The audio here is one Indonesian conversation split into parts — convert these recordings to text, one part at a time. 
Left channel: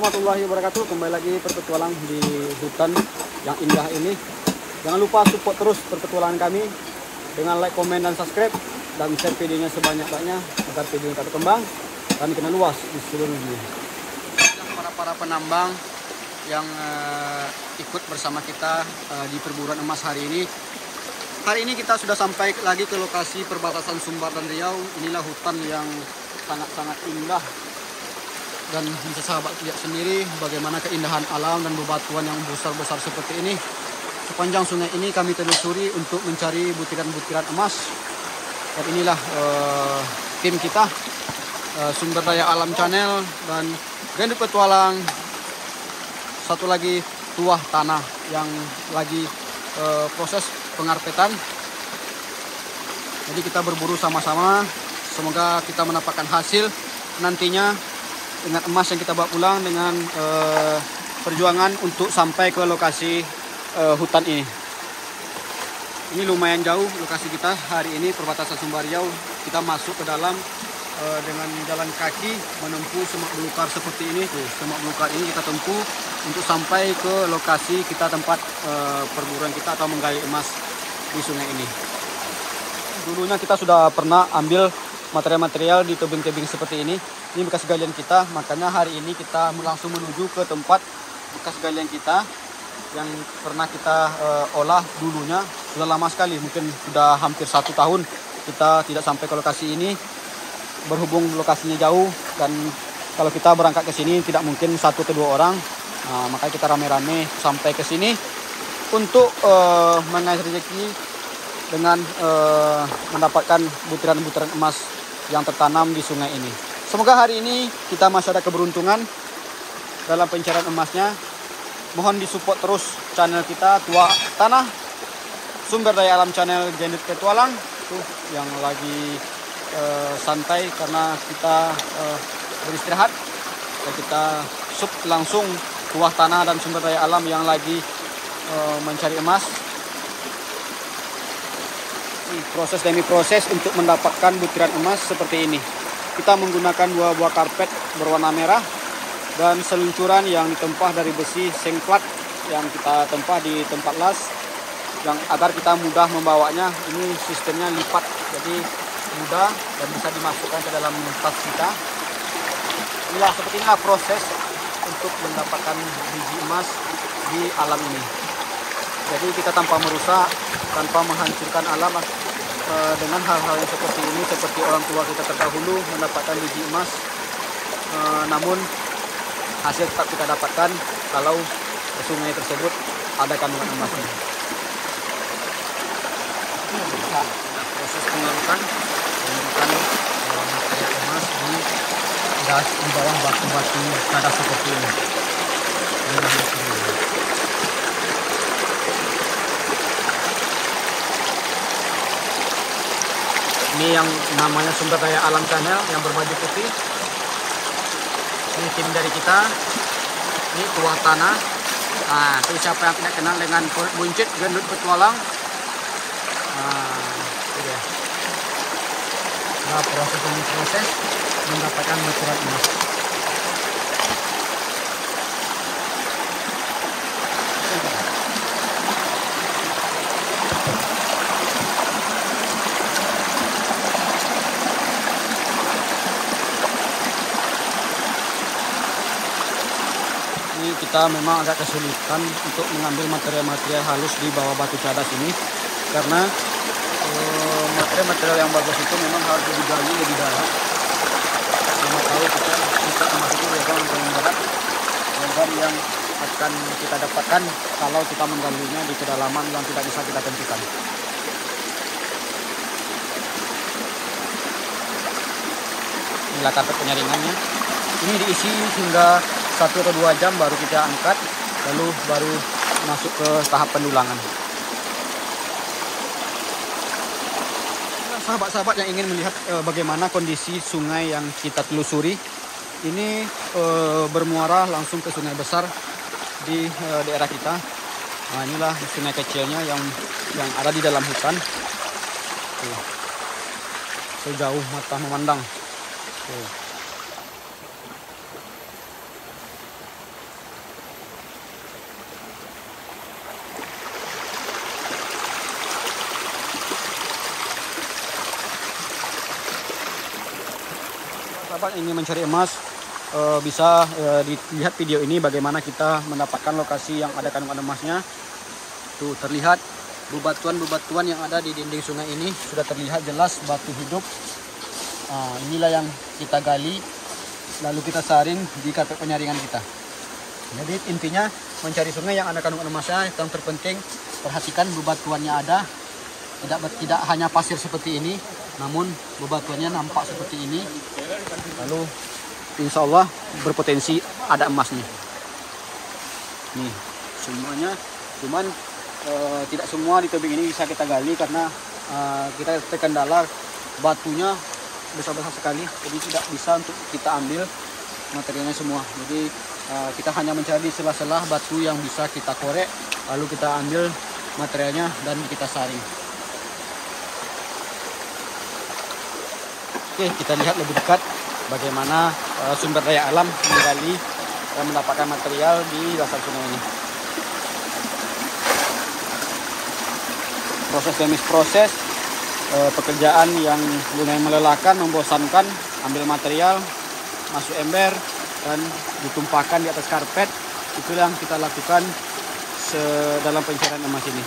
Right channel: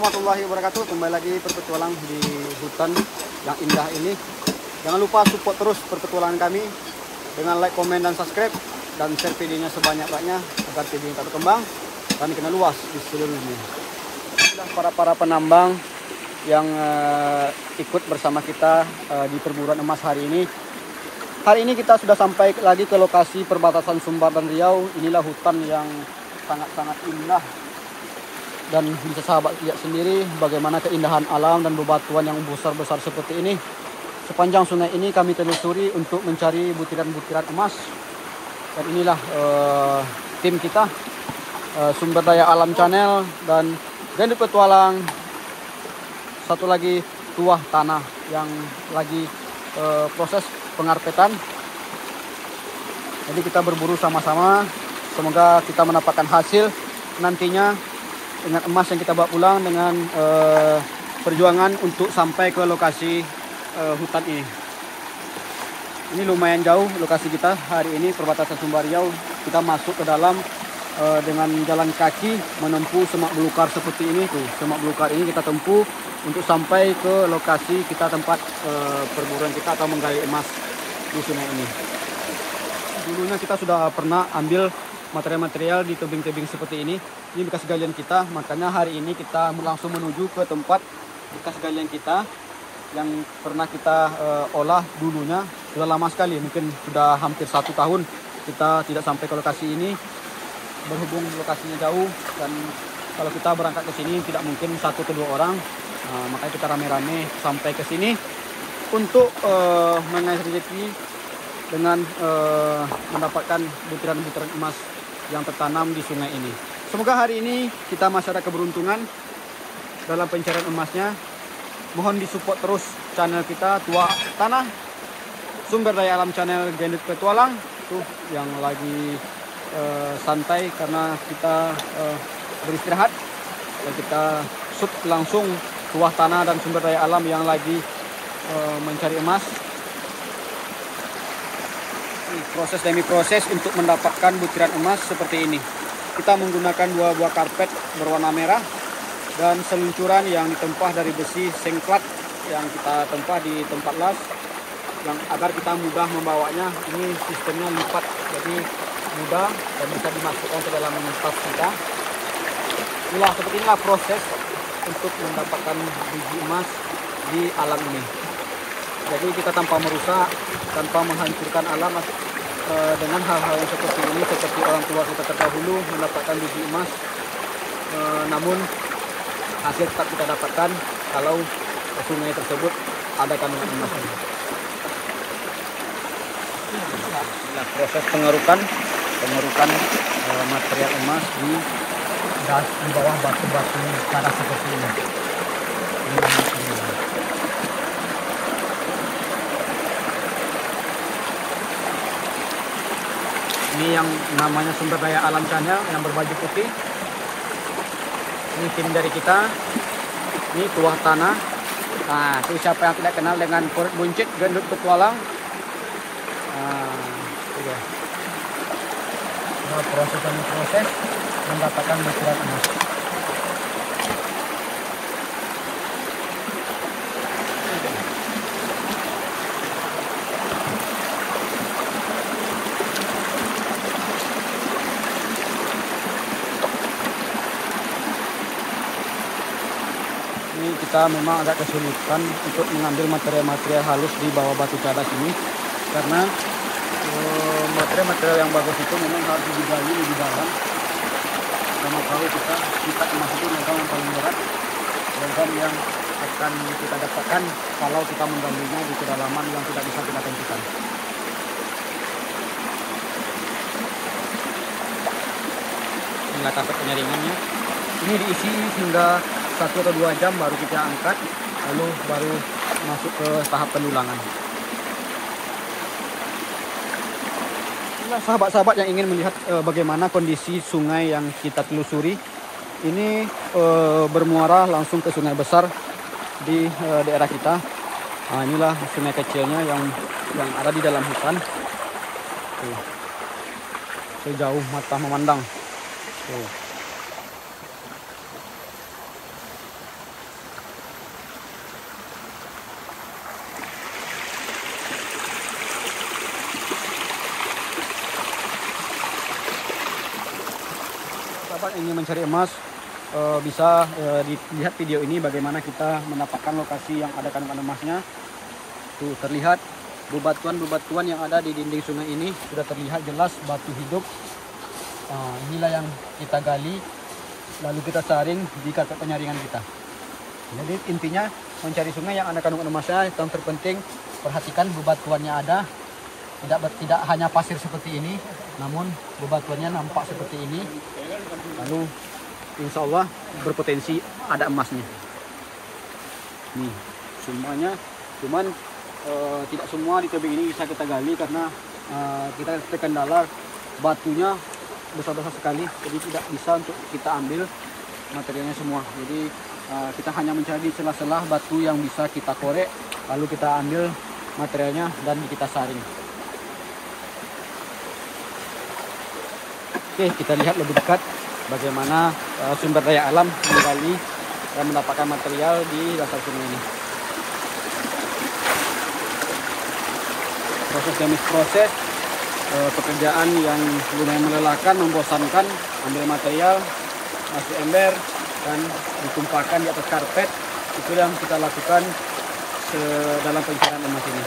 warahmatullahi wabarakatuh. Kembali lagi berpetualang di hutan yang indah ini. Jangan lupa support terus perpetualangan kami dengan like, komen, dan subscribe, dan share videonya sebanyak-banyaknya agar video kita berkembang dan dikenal luas di seluruh dunia. Para penambang yang ikut bersama kita di perburuan emas hari ini. Hari ini kita sudah sampai lagi ke lokasi perbatasan Sumbar dan Riau. Inilah hutan yang sangat-sangat indah. Dan bisa sahabat lihat sendiri bagaimana keindahan alam dan bebatuan yang besar-besar seperti ini. Sepanjang sungai ini kami telusuri untuk mencari butiran-butiran emas. Dan inilah tim kita, Sumber Daya Alam Channel dan Gendut Petualang. Satu lagi Tuah Tanah yang lagi proses pengarpetan. Jadi kita berburu sama-sama. Semoga kita mendapatkan hasil nantinya dengan emas yang kita bawa pulang, dengan perjuangan untuk sampai ke lokasi hutan ini. Ini lumayan jauh lokasi kita hari ini, perbatasan Sumbar Riau. Kita masuk ke dalam dengan jalan kaki menempuh semak belukar seperti ini. Tuh, semak belukar ini kita tempuh untuk sampai ke lokasi kita tempat perburuan kita atau menggali emas di sungai ini. Dulunya kita sudah pernah ambil material-material di tebing-tebing seperti ini. Ini bekas galian kita, makanya hari ini kita langsung menuju ke tempat bekas galian kita yang pernah kita olah dulunya. Sudah lama sekali, mungkin sudah hampir 1 tahun kita tidak sampai ke lokasi ini. Berhubung lokasinya jauh dan kalau kita berangkat ke sini tidak mungkin 1 ke 2 orang. Makanya kita rame-rame sampai ke sini untuk mengais rezeki dengan mendapatkan butiran-butiran emas yang tertanam di sungai ini. Semoga hari ini kita masih ada keberuntungan dalam pencarian emasnya. Mohon disupport terus channel kita Tuah Tanah, Sumber Daya Alam Channel Gendut Petualang. Tuh yang lagi santai karena kita beristirahat. Dan kita sub langsung Tuah Tanah dan Sumber Daya Alam yang lagi mencari emas. Proses demi proses untuk mendapatkan butiran emas seperti ini. Kita menggunakan 2 buah karpet berwarna merah dan seluncuran yang ditempah dari besi sengklat yang kita tempah di tempat las yang agar kita mudah membawanya. Ini sistemnya lipat, jadi mudah dan bisa dimasukkan ke dalam tas kita. Seperti inilah proses untuk mendapatkan biji emas di alam ini. Jadi kita tanpa merusak, tanpa menghancurkan alam dengan hal-hal yang seperti ini, seperti orang tua kita terdahulu mendapatkan biji emas, namun hasil tetap kita dapatkan kalau sungai tersebut ada kandungan emasnya. Nah, proses pengerukan material emas di bawah batu-batu cadas seperti ini. Ini yang namanya Sumber Daya Alam Channel yang berbaju putih. Ini tim dari kita. Ini Tuah Tanah. Nah, itu siapa yang tidak kenal dengan Poret Buncit Gendut Petualang. Itu dia. Nah, proses mendapatkan butiran emas. Ini kita memang agak kesulitan untuk mengambil material-material halus di bawah batu cadas ini karena material-material yang bagus itu memang harus digali lebih dalam. Sama tahu kita emas itu logam yang paling berat, logam yang akan kita dapatkan kalau kita menggalinya di kedalaman yang tidak bisa kita tentukan. Inilah karpet penyaringannya. Ini diisi hingga 1 atau 2 jam baru kita angkat, lalu baru masuk ke tahap pendulangan. Nah, sahabat-sahabat yang ingin melihat bagaimana kondisi sungai yang kita telusuri, ini bermuara langsung ke sungai besar di daerah kita. Nah, inilah sungai kecilnya yang ada di dalam hutan. Tuh. Sejauh mata memandang. Tuh. sahabat ingin mencari emas, bisa dilihat video ini bagaimana kita mendapatkan lokasi yang ada kandungan emasnya. Tuh terlihat bebatuan-bebatuan yang ada di dinding sungai ini sudah terlihat jelas batu hidup. Inilah yang kita gali, lalu kita saring di karpet penyaringan kita. Jadi intinya mencari sungai yang ada kandungan emasnya, yang terpenting perhatikan bebatuannya ada. Tidak hanya pasir seperti ini, namun bebatuannya nampak seperti ini. Lalu insya Allah berpotensi ada emasnya. Nih semuanya, cuman tidak semua di tebing ini bisa kita gali karena kita terkendala batunya besar-besar sekali, jadi tidak bisa untuk kita ambil materialnya semua. Jadi kita hanya mencari di sela-sela batu yang bisa kita korek, lalu kita ambil materialnya dan kita saring. Oke, kita lihat lebih dekat bagaimana sumber daya alam menggali dan mendapatkan material di dasar sungai ini. Proses demi proses, pekerjaan yang lumayan melelahkan, membosankan. Ambil material, masuk ember, dan ditumpahkan di atas karpet. Itu yang kita lakukan dalam pencarian emas ini.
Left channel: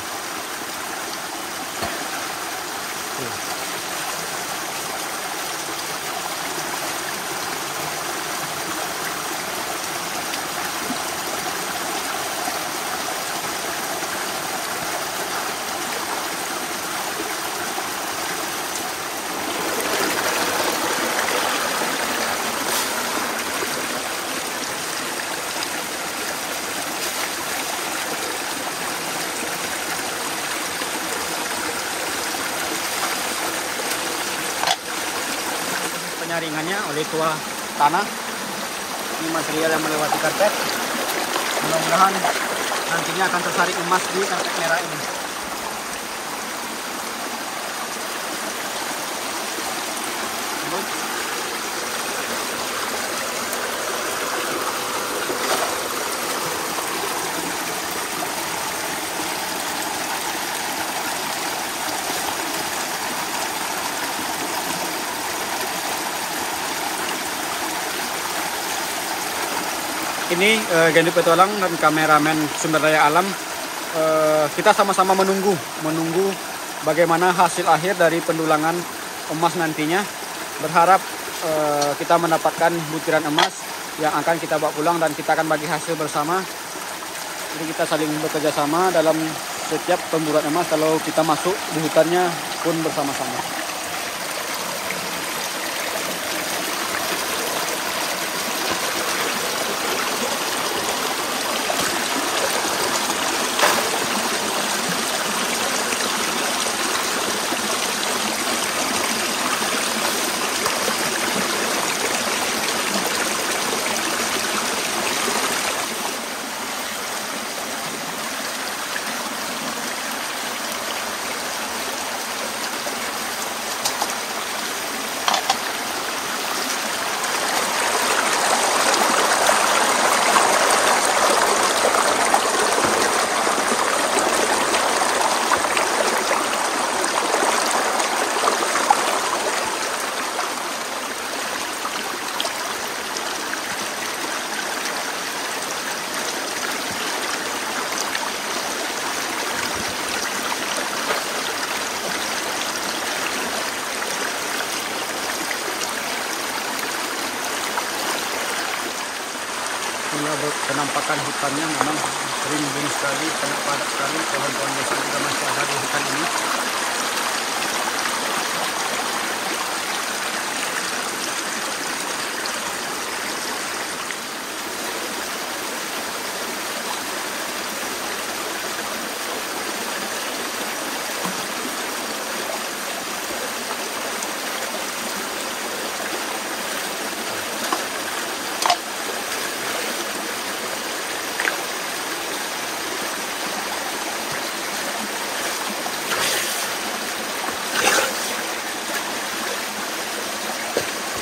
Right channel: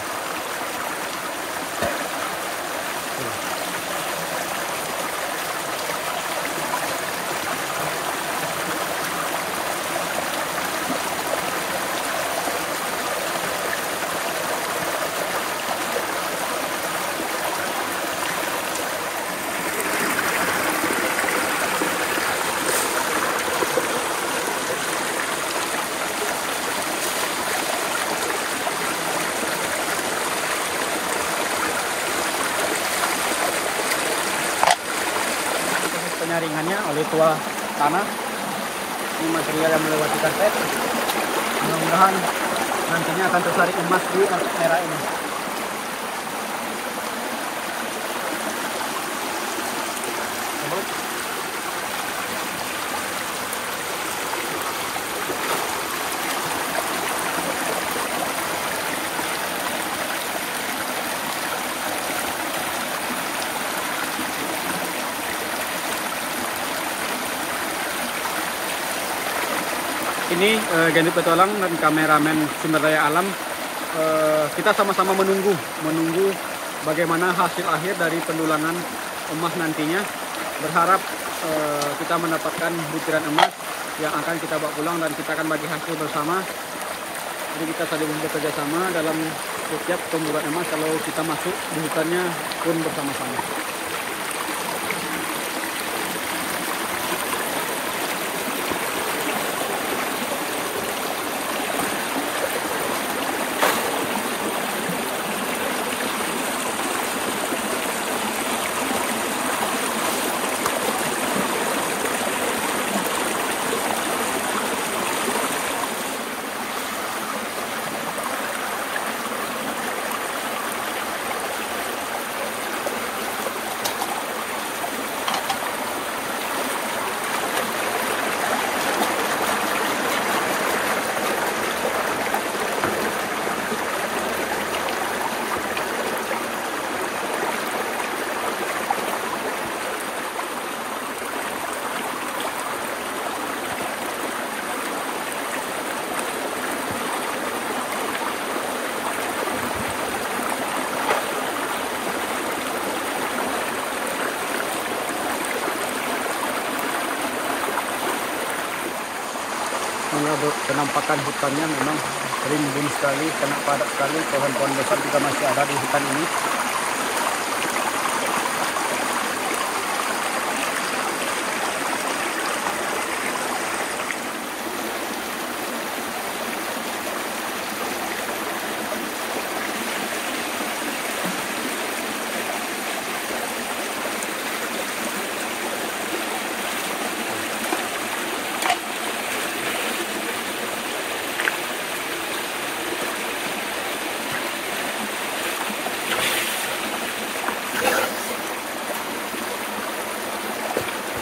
Penyaringannya oleh tua tanah. Ini material yang melewati karpet. Mudah-mudahan nantinya akan tersaring emas di karpet merah ini. Ini Gandhi Petualang dan kameramen sumber daya alam, kita sama-sama menunggu bagaimana hasil akhir dari pendulangan emas nantinya. Berharap kita mendapatkan butiran emas yang akan kita bawa pulang dan kita akan bagi hasil bersama. Jadi kita saling bekerja sama dalam setiap pemburuan emas. Kalau kita masuk di hutannya pun bersama-sama. Penampakan hutannya memang rimbun sekali, sangat padat sekali. Pohon-pohon besar juga masih ada di hutan ini.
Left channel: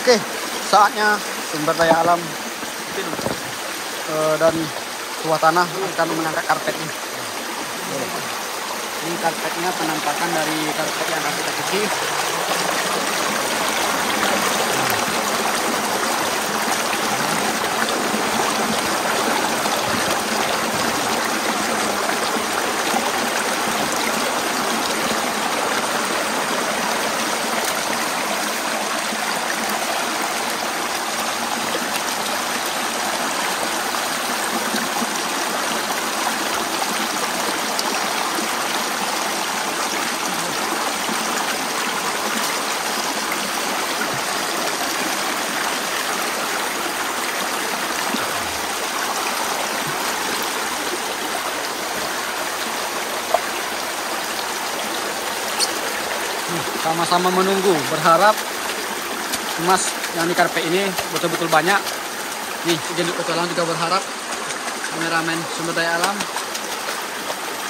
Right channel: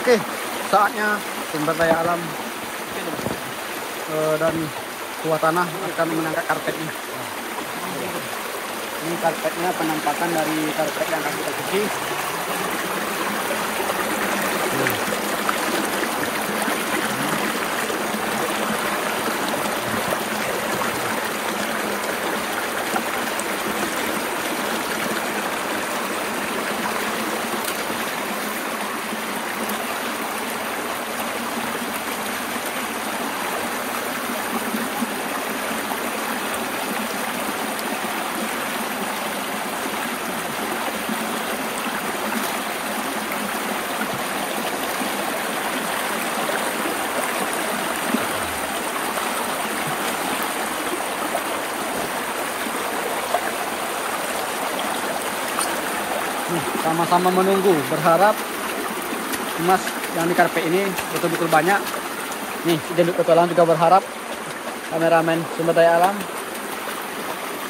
Oke, saatnya sumber daya alam dan tua tanah akan mengangkat karpetnya. Ini karpetnya, penampakan dari karpet yang akan kita cuci. Nih, sama-sama menunggu, berharap emas yang di karpet ini betul-betul banyak. Nih, Gendut Petualang juga berharap, kameramen Sumber Daya Alam,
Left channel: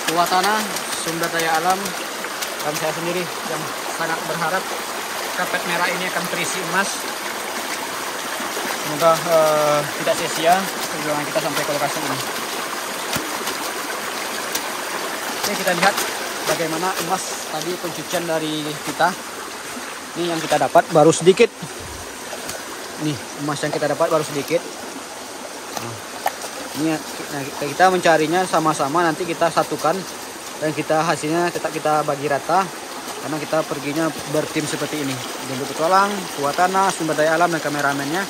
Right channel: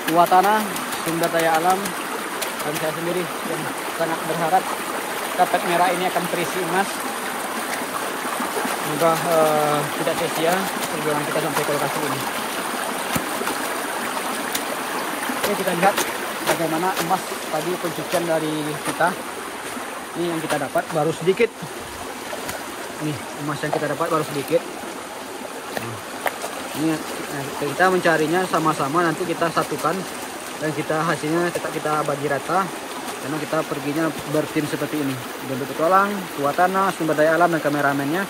Tuah Tanah Sumber Daya Alam, dan saya sendiri yang sangat berharap karpet merah ini akan terisi emas. Semoga tidak sia-sia perjuangan kita sampai ke lokasi ini. Oke, kita lihat bagaimana emas tadi pencucian dari kita. Ini yang kita dapat baru sedikit. Nih, emas yang kita dapat baru sedikit. Nah, ini kita mencarinya sama-sama, nanti kita satukan dan kita hasilnya tetap kita bagi rata, karena kita perginya bertim seperti ini. Gendut Petualang, Tuah Tanah, Sumber Daya Alam, dan kameramennya.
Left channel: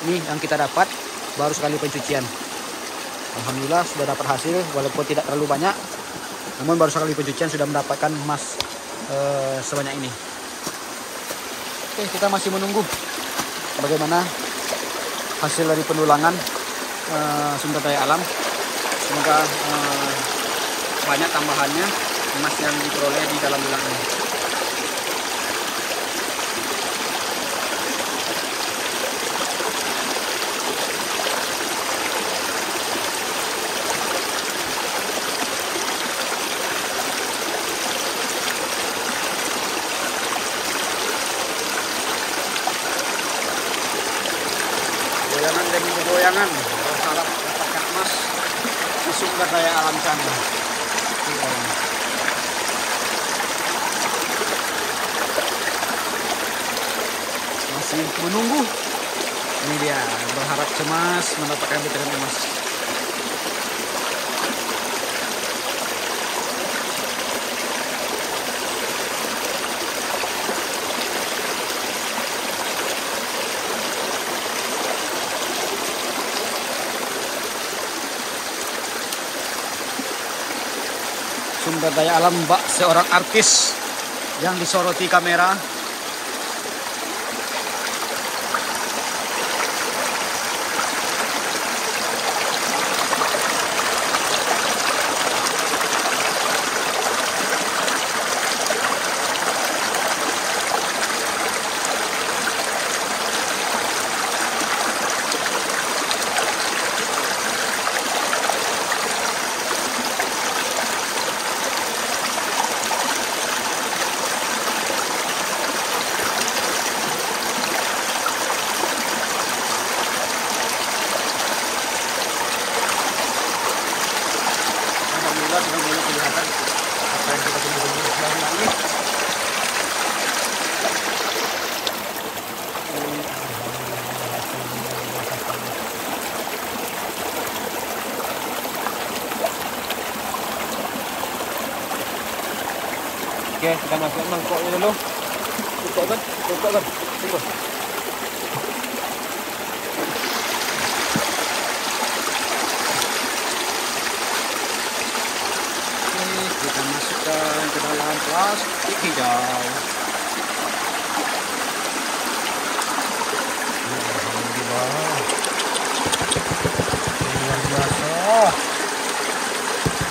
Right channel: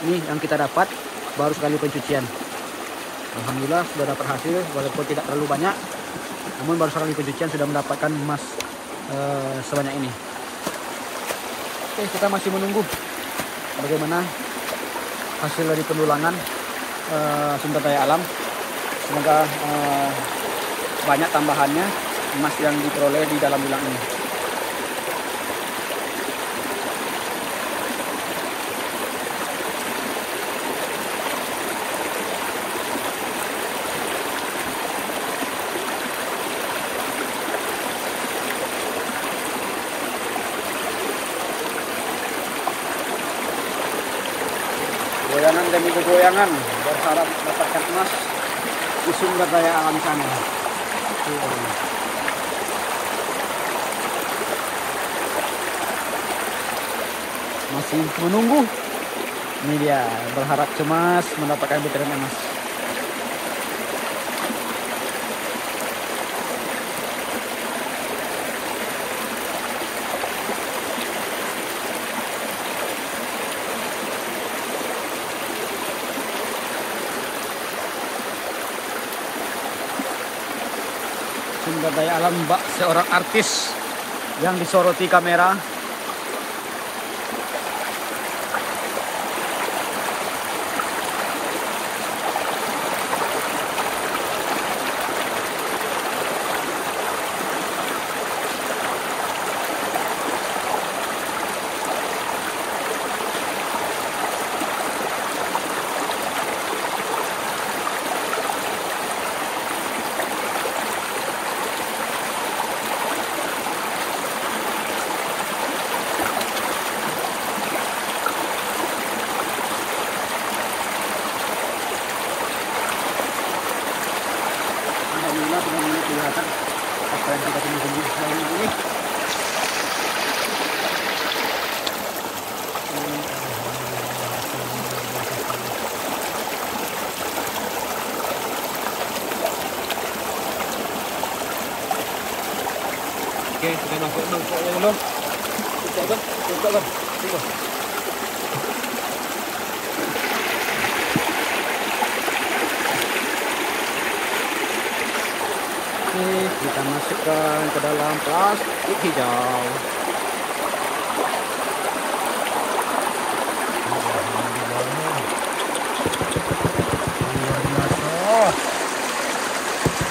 Ini yang kita dapat baru sekali pencucian. Alhamdulillah sudah dapat hasil walaupun tidak terlalu banyak, namun baru sekali pencucian sudah mendapatkan emas sebanyak ini. Oke, kita masih menunggu bagaimana hasil dari pendulangan Sumber Daya Alam. Semoga banyak tambahannya emas yang diperoleh di dalam dulang ini. Goyangan demi goyangan berharap mendapatkan emas di Sumber Daya Alam Channel. Masih menunggu. Ini dia, berharap cemas mendapatkan butiran emas. Sumber Daya Alam, Mbak, seorang artis yang disoroti kamera. Alhamdulillah sudah mulai kelihatan apa yang kita tunggu-tunggu selama ini. Oke, kita masuk mangkoknya dulu. Tutup kan? Tunggu. Kita masukkan ke dalam plastik hijau. Alhamdulillah, luar biasa.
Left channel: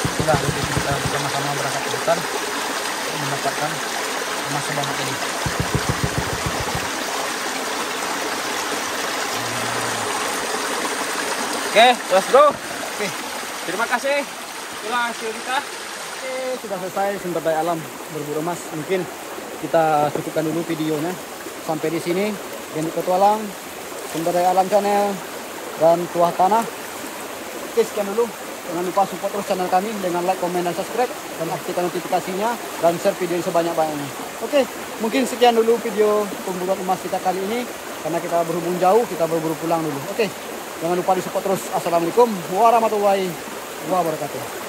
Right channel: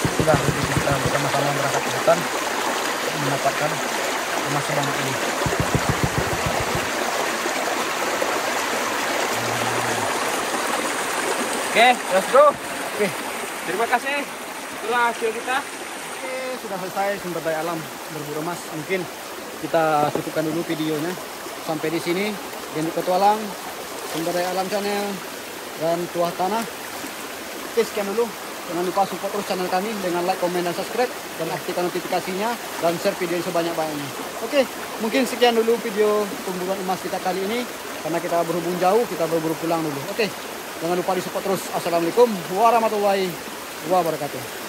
Inilah kita bersama-sama berangkat ke hutan untuk mendapatkan emas sebanyak ini. Oke, let's go. Oke, terima kasih. Itulah hasil kita. Oke, sudah selesai Sumber Daya Alam berburu emas. Mungkin kita cukupkan dulu videonya sampai di sini. Gendut Petualang, Sumber Daya Alam Channel, dan Tuah Tanah. Oke, sekian dulu. Jangan lupa support terus channel kami dengan like, komen, dan subscribe, dan aktifkan notifikasinya, dan share video ini sebanyak-banyaknya. Oke, mungkin sekian dulu video pemburuan emas kita kali ini. Karena kita berhubung jauh, kita berburu pulang dulu. Oke, jangan lupa di support terus. Assalamualaikum warahmatullahi wabarakatuh.